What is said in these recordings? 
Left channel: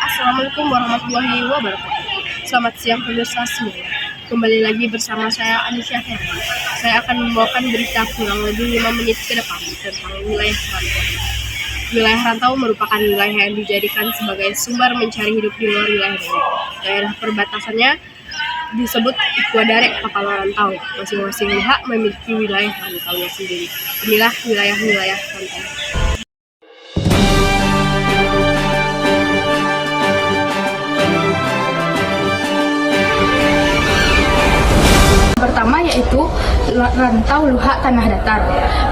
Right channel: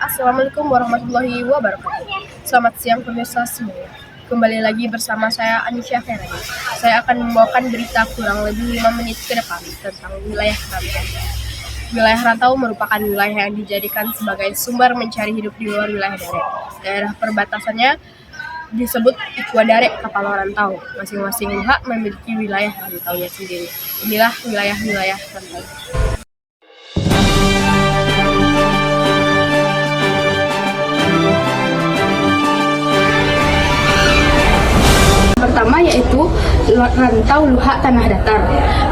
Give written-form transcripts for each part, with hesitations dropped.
Assalamualaikum warahmatullahi wabarakatuh. Selamat siang pemirsa semua. Kembali lagi bersama saya Anisya Ferry. Saya akan membawakan berita kurang lebih 5 menit ke depan tentang wilayah rantau. Wilayah rantau merupakan wilayah yang dijadikan sebagai sumber mencari hidup di luar wilayah Dare. Daerah perbatasannya disebut Ikuadare Kapalo Rantau. Masing-masing pihak memiliki wilayah rantaunya sendiri. Inilah wilayah-wilayah rantau. Pertama yaitu rantau Luhak Tanah Datar,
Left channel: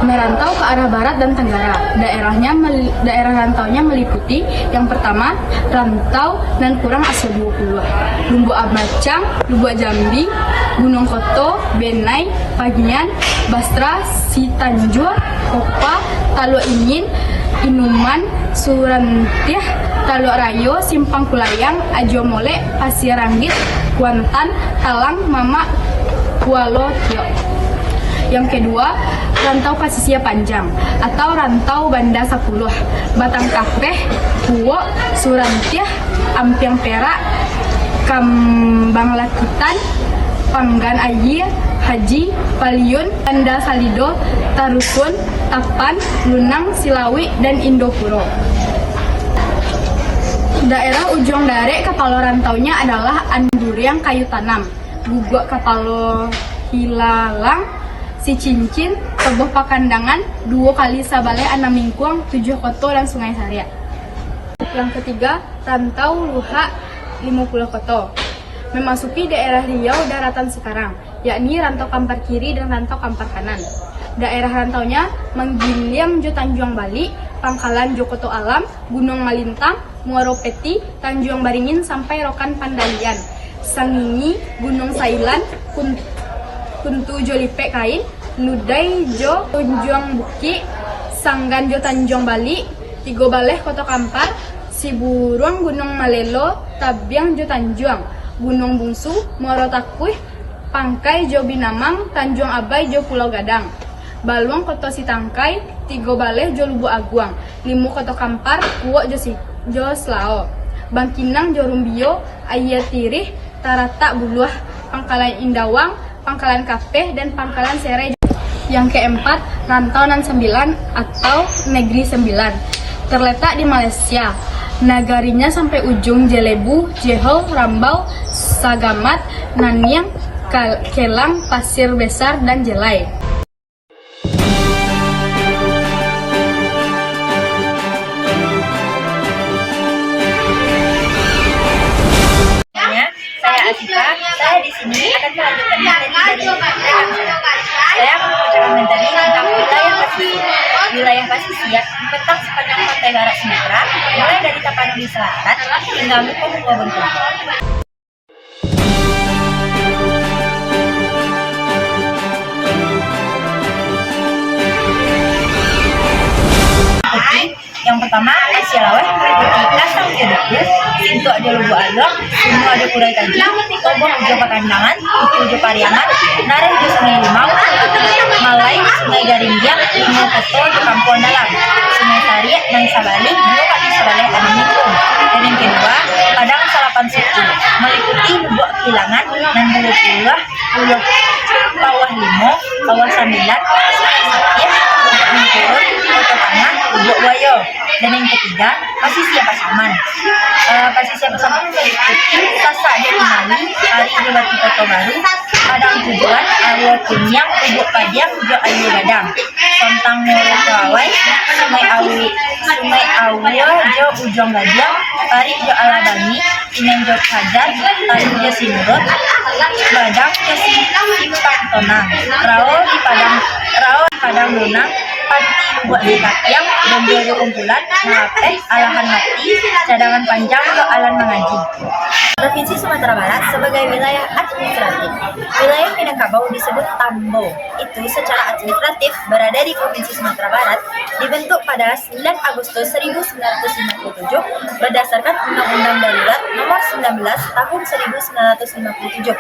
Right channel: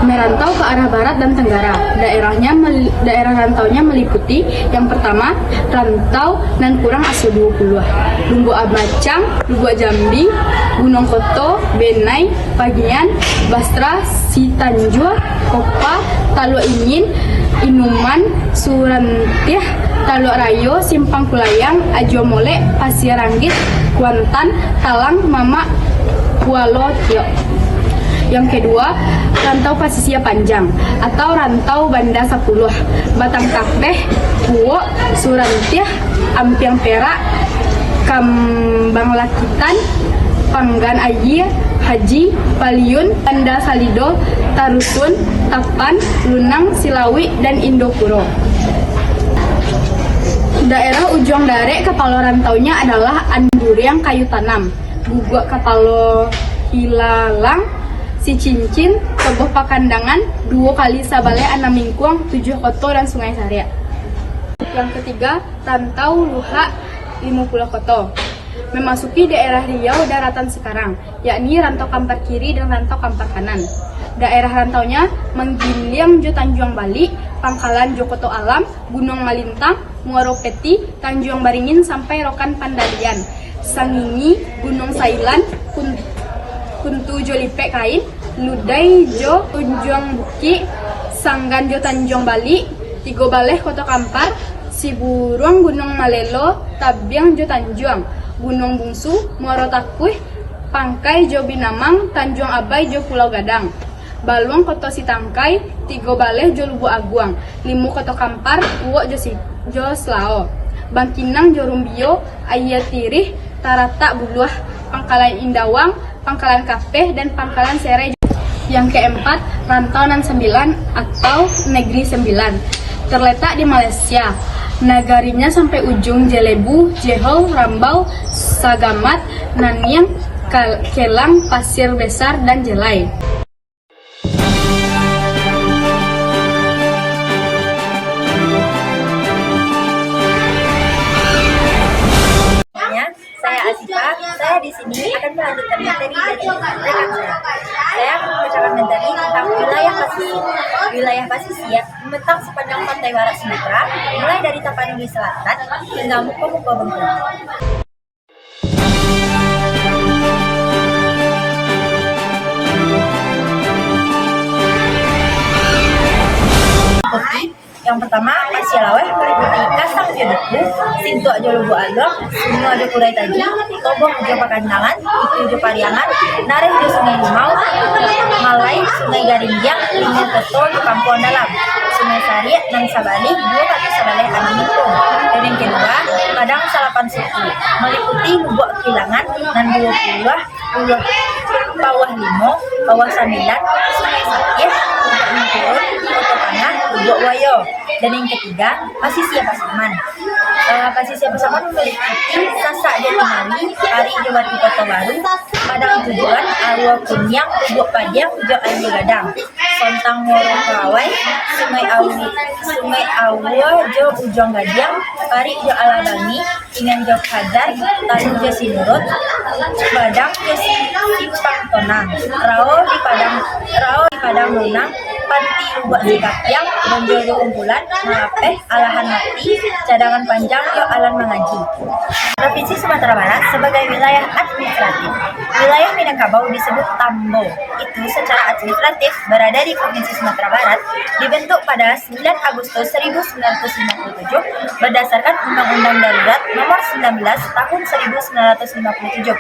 merantau ke arah barat dan tenggara. Daerah rantaunya meliputi yang pertama rantau nan kurang asli 20, Lumbu Abacang, Lubuk Jambi, Gunung Koto, Benai, Pagian, Basra, Sitanjur, Kopa, Talo Ingin, Inuman, Surantih, Talo Rayo, Simpang Kulayang, Ajo Mole, Pasir Ranggit, Kuantan, Talang, Mamak, Kualo Tio. Yang kedua, rantau Pasisia Panjang atau rantau Banda 10, Batang Kapeh, Kuwo, Surantih, Ampiang Perak, Kambang Lakitan, Panggan Ayi, Haji, Paliun, Banda Salido, Tarusun, Tapan, Lunang, Silawi, dan Indopuro. Daerah ujung Dare Kapalo rantaunya adalah Anduriang Kayu Tanam, Guguk Kapalo Hilalang, Si Cincin, Toboh Pakandangan, Duo Kali Sabale, Anamingkuang, 7 Koto, dan Sungai Saria. Yang ketiga, rantau Luhak 50 Koto, memasuki daerah Riau daratan sekarang, yakni rantau Kampar Kiri dan rantau Kampar Kanan. Daerah rantaunya Menggiliang Jo Tanjung Bali, Pangkalan Jokoto Alam, Gunung Malintang, Muaro Peti, Tanjung Baringin sampai Rokan Pandalian, Sangingi, Gunung Sailan, Kuntu Jolipe Kain, Ludai Jo Tunjung Buki, Sanggan Jo Tanjung Bali, Tigo Baleh Koto Kampar, Siburuang Gunung Malelo, Tabiang Jo Tanjung, Gunung Bungsu, Muaro Takuih, Pangkai Jo Binamang, Tanjung Abai Jo Pulau Gadang, Baluang Koto Sitangkai, Tigo Baleh Jo Lubu Aguang, Limu Koto Kampar, Uwo Jo Slao, Bangkinang Jo Rumbio, Ayatirih, Tarata Buluah, Pangkalan Indawang, Pangkalan Kapeh, dan Pangkalan Sere. Yang keempat, rantau Nan 9 atau Negeri 9, terletak di Malaysia. Nagarinya sampai ujung Jelebu, Jehol, Rambau, Sagamat, Naniang, Kelang, Pasir Besar, dan Jelai. Saya Asika, saya di sini akan melanjutkan materi dari rekan saya. Saya akan membacakan materi tentang wilayah pasisir. Wilayah pasisir membentang sepanjang pantai barat Sumatera, mulai dari Tapanuli Selatan hingga Muko-Muko Bengkulu. Yang pertama, Asia Laweh meliputi Kasang Jodoku, Sintu Ajo Lubu Alor, Sunu Ajo Kurai Taji, Toboh Ajo Pakandangan, Itu Ajo Pariangan, Nareh Ajo Sungai Limau, Malai Sungai Garinggiang, Limu Koto Ajo Kampuan Dalam, Sungai Saria dan Sabali, 2 kali Sabale Anamingkung. Dan yang kedua, Padang Salapan Suku meliputi Lubuk Kilangan dan Pulau Bawah Limo, Bawah Sambilan, Sungai Satih, Lubuk Mengkurut, Koto Tengah, Lubuk Wayo. Dan yang ketiga, Pasisia Pasaman. Pasisia Pasaman meliputi Sasak Jatimali, Ari Jabati Koto Baru, Padang Tujuan, Arwo Kunyang, Lubuk Padiang, Jo Ayu Gadang, Sontang Moro Kawai, Sungai Awio, Jo Ujong Gadiang, Ari Jo Alabangi, Inan Jo Hajar, Tali Jo Sinurut, Badang Jo Simpang Tonang, Rao di Padang Lunang, Panti Lubuk Sikakyang, dan Jojo Kumpulan, Mengapeh, Alahan Mati, Cadangan Panjang, Jo Alan Mengaji. Provinsi Sumatera Barat sebagai wilayah administratif. Wilayah Minangkabau disebut Tambo. Itu secara administratif berada di Provinsi Sumatera Barat, dibentuk pada 9 Agustus 1957 berdasarkan Undang-Undang Darurat Nomor 19 Tahun 1957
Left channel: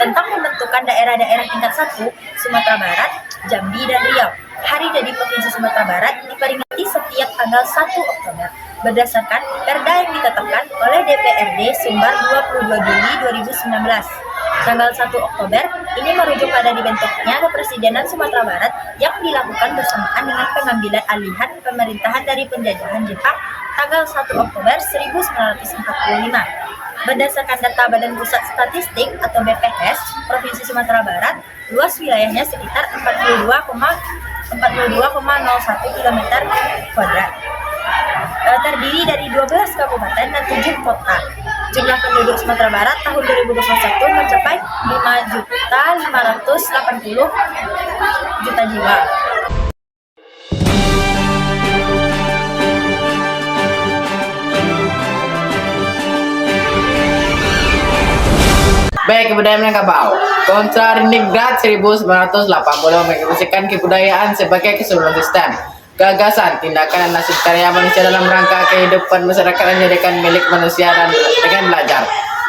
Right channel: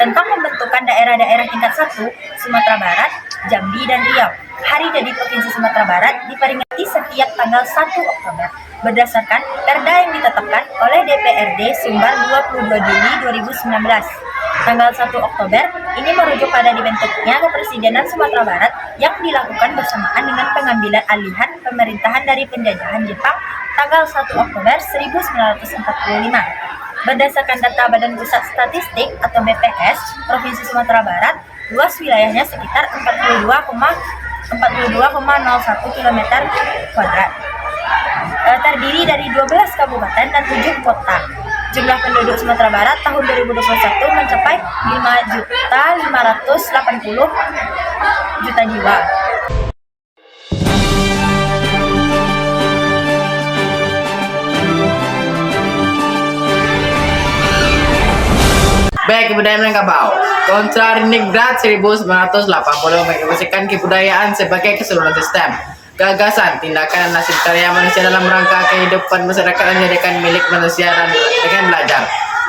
tentang pembentukan daerah-daerah tingkat 1 Sumatera Barat, Jambi, dan Riau. Hari jadi Provinsi Sumatera Barat diperingati setiap tanggal 1 Oktober. berdasarkan Perda yang ditetapkan oleh DPRD Sumbar 22 Juli 2019. Tanggal 1 Oktober ini merujuk pada dibentuknya Kepresidenan Sumatera Barat yang dilakukan bersamaan dengan pengambilan alihan pemerintahan dari penjajahan Jepang tanggal 1 Oktober 1945. Berdasarkan data Badan Pusat Statistik atau BPS Provinsi Sumatera Barat, luas wilayahnya sekitar 42,01 km kuadrat. Terdiri dari 12 kabupaten dan 7 kota. Jumlah penduduk Sumatera Barat tahun 2021 mencapai 5.580.000 jiwa. Baik, kebudayaan Minangkabau. Kontra Ningrat 1980 mengekspresikan kebudayaan sebagai keseluruhan sistem, gagasan, tindakan, dan nasib karya manusia dalam rangka kehidupan masyarakat dan menjadikan milik manusia dan dengan belajar.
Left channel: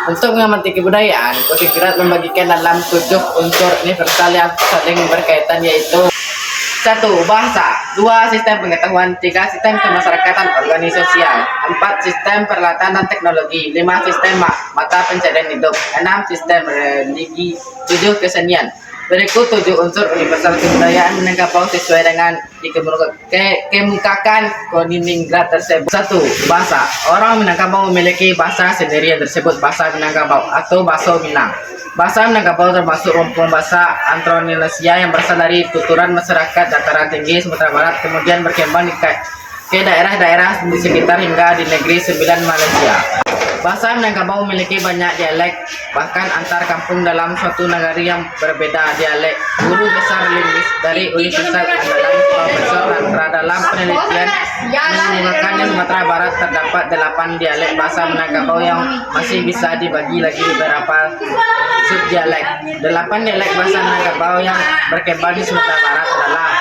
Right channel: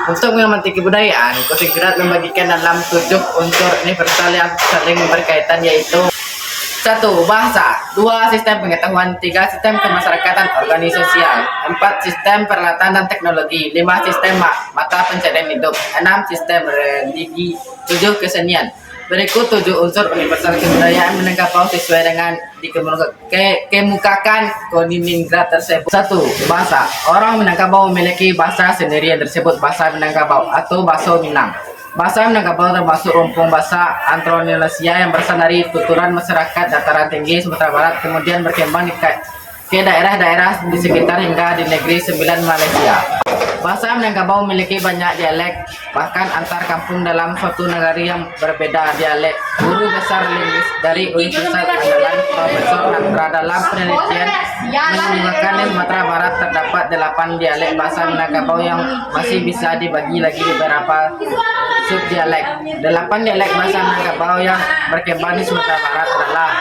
Untuk mengamati kebudayaan, Kontra membagikan dalam 7 unsur universal yang saling berkaitan, yaitu 1. Bahasa, 2. Sistem pengetahuan, 3. Sistem kemasyarakatan organisasial, 4. Sistem peralatan dan teknologi, 5. Sistem mata pencarian hidup, 6. Sistem religi, 7. Kesenian. Berikut 7 unsur universal kebudayaan Minangkabau sesuai dengan dikemukakan Koningrat tersebut. 1. Bahasa. Orang Minangkabau memiliki bahasa sendiri yang disebut bahasa Minangkabau atau Bahasa Minang. Bahasa Minangkabau termasuk rumpun bahasa Austronesia yang berasal dari tuturan masyarakat dataran tinggi Sumatera Barat, kemudian berkembang ke daerah-daerah di sekitar hingga di negeri Sembilan Malaysia. Bahasa Minangkabau memiliki banyak dialek, bahkan antar kampung dalam suatu negara yang berbeda dialek. Guru besar linguis dari Universitas Andalan Profesor Randra dalam penelitian mengungkapkan di Sumatera Barat terdapat 8 dialek bahasa Minangkabau yang masih bisa dibagi lagi beberapa subdialek. 8 dialek bahasa Minangkabau yang berkembang di Sumatera Barat adalah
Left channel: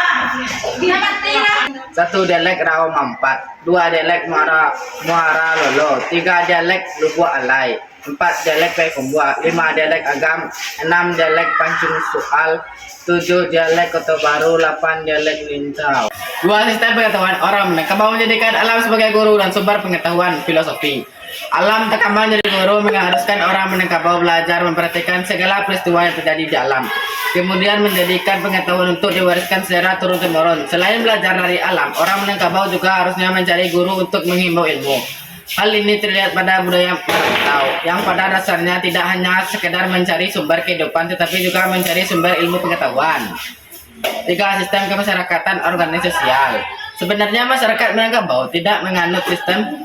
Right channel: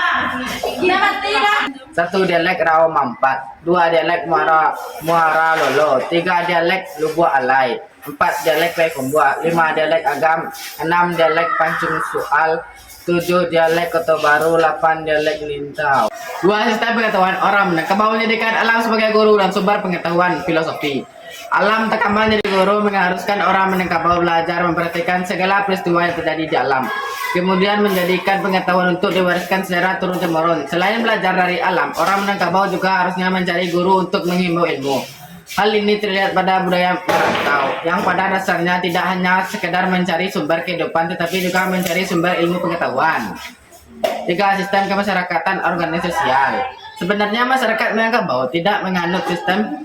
1. Dialek Rao Mampat, 2. Dialek Muara Lolo, 3. Dialek Lubuk Alai, 4. Dialek Paikumbua, 5. Dialek Agam, 6. Dialek Pancung Soal, 7. Dialek Kota Baru, 8. Dialek Lintau. 2. Sistem pengetahuan orang Minangkabau menjadikan alam sebagai guru dan sumber pengetahuan filosofi. Alam tekaman jadi guru mengharuskan orang Minangkabau belajar memperhatikan segala peristiwa yang terjadi di alam, kemudian menjadikan pengetahuan untuk diwariskan secara turun-temurun. Selain belajar dari alam, orang Minangkabau juga harusnya mencari guru untuk menghimbau ilmu. Hal ini terlihat pada budaya merantau, yang pada dasarnya tidak hanya sekedar mencari sumber kehidupan, tetapi juga mencari sumber ilmu pengetahuan. 3. Sistem kemasyarakatan organisasial. Sebenarnya masyarakat Minangkabau tidak menganut sistem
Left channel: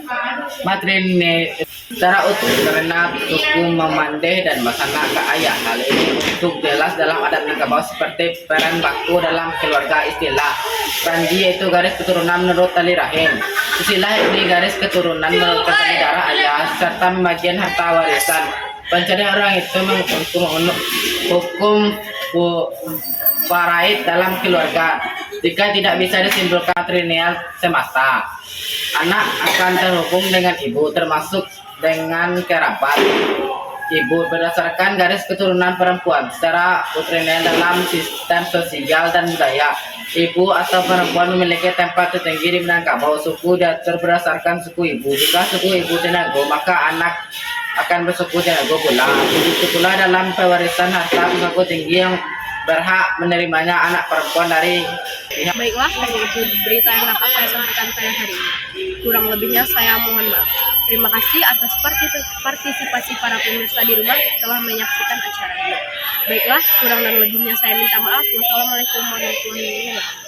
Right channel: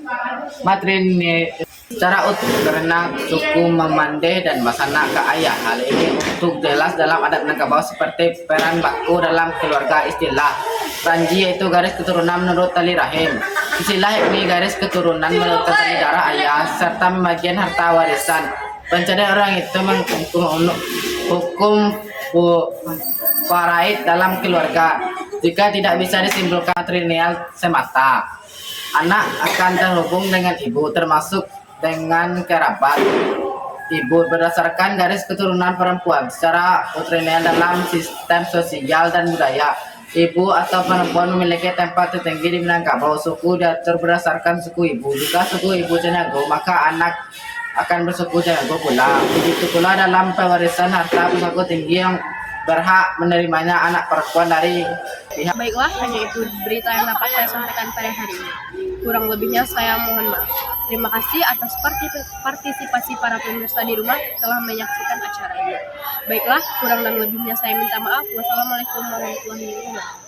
matrilineal secara utuh karena suku Memandeh dan Masana Kaaya. Hal ini untuk jelas dalam adat Minangkabau seperti peran baku dalam keluarga. Istilah Ranji yaitu garis keturunan menurut tali rahim. Istilah ini garis keturunan menurut tali darah ayah serta pembagian harta warisan. Pencarian orang itu hukum faraid dalam keluarga. Jika tidak bisa disimpulkan matrilineal semata, anak akan terhubung dengan ibu termasuk dengan kerabat ibu berdasarkan garis keturunan perempuan secara matrilineal dalam sistem sosial dan budaya. Ibu atau perempuan memiliki tempat tertinggi di Minangkabau. Suku diatur berdasarkan suku ibu. Jika suku ibu Tenago, maka anak akan bersuku Tenago pula. Begitu pula dalam pewarisan harta, suku tinggi yang berhak menerimanya anak perempuan dari pihak. Baiklah, hanya itu berita yang dapat saya sampaikan pada hari ini. Kurang lebihnya saya mohon maaf. Terima kasih atas partisipasi para pemirsa di rumah telah menyaksikan acara ini. Baiklah, kurang dan lebihnya saya minta maaf. Wassalamualaikum warahmatullahi wabarakatuh.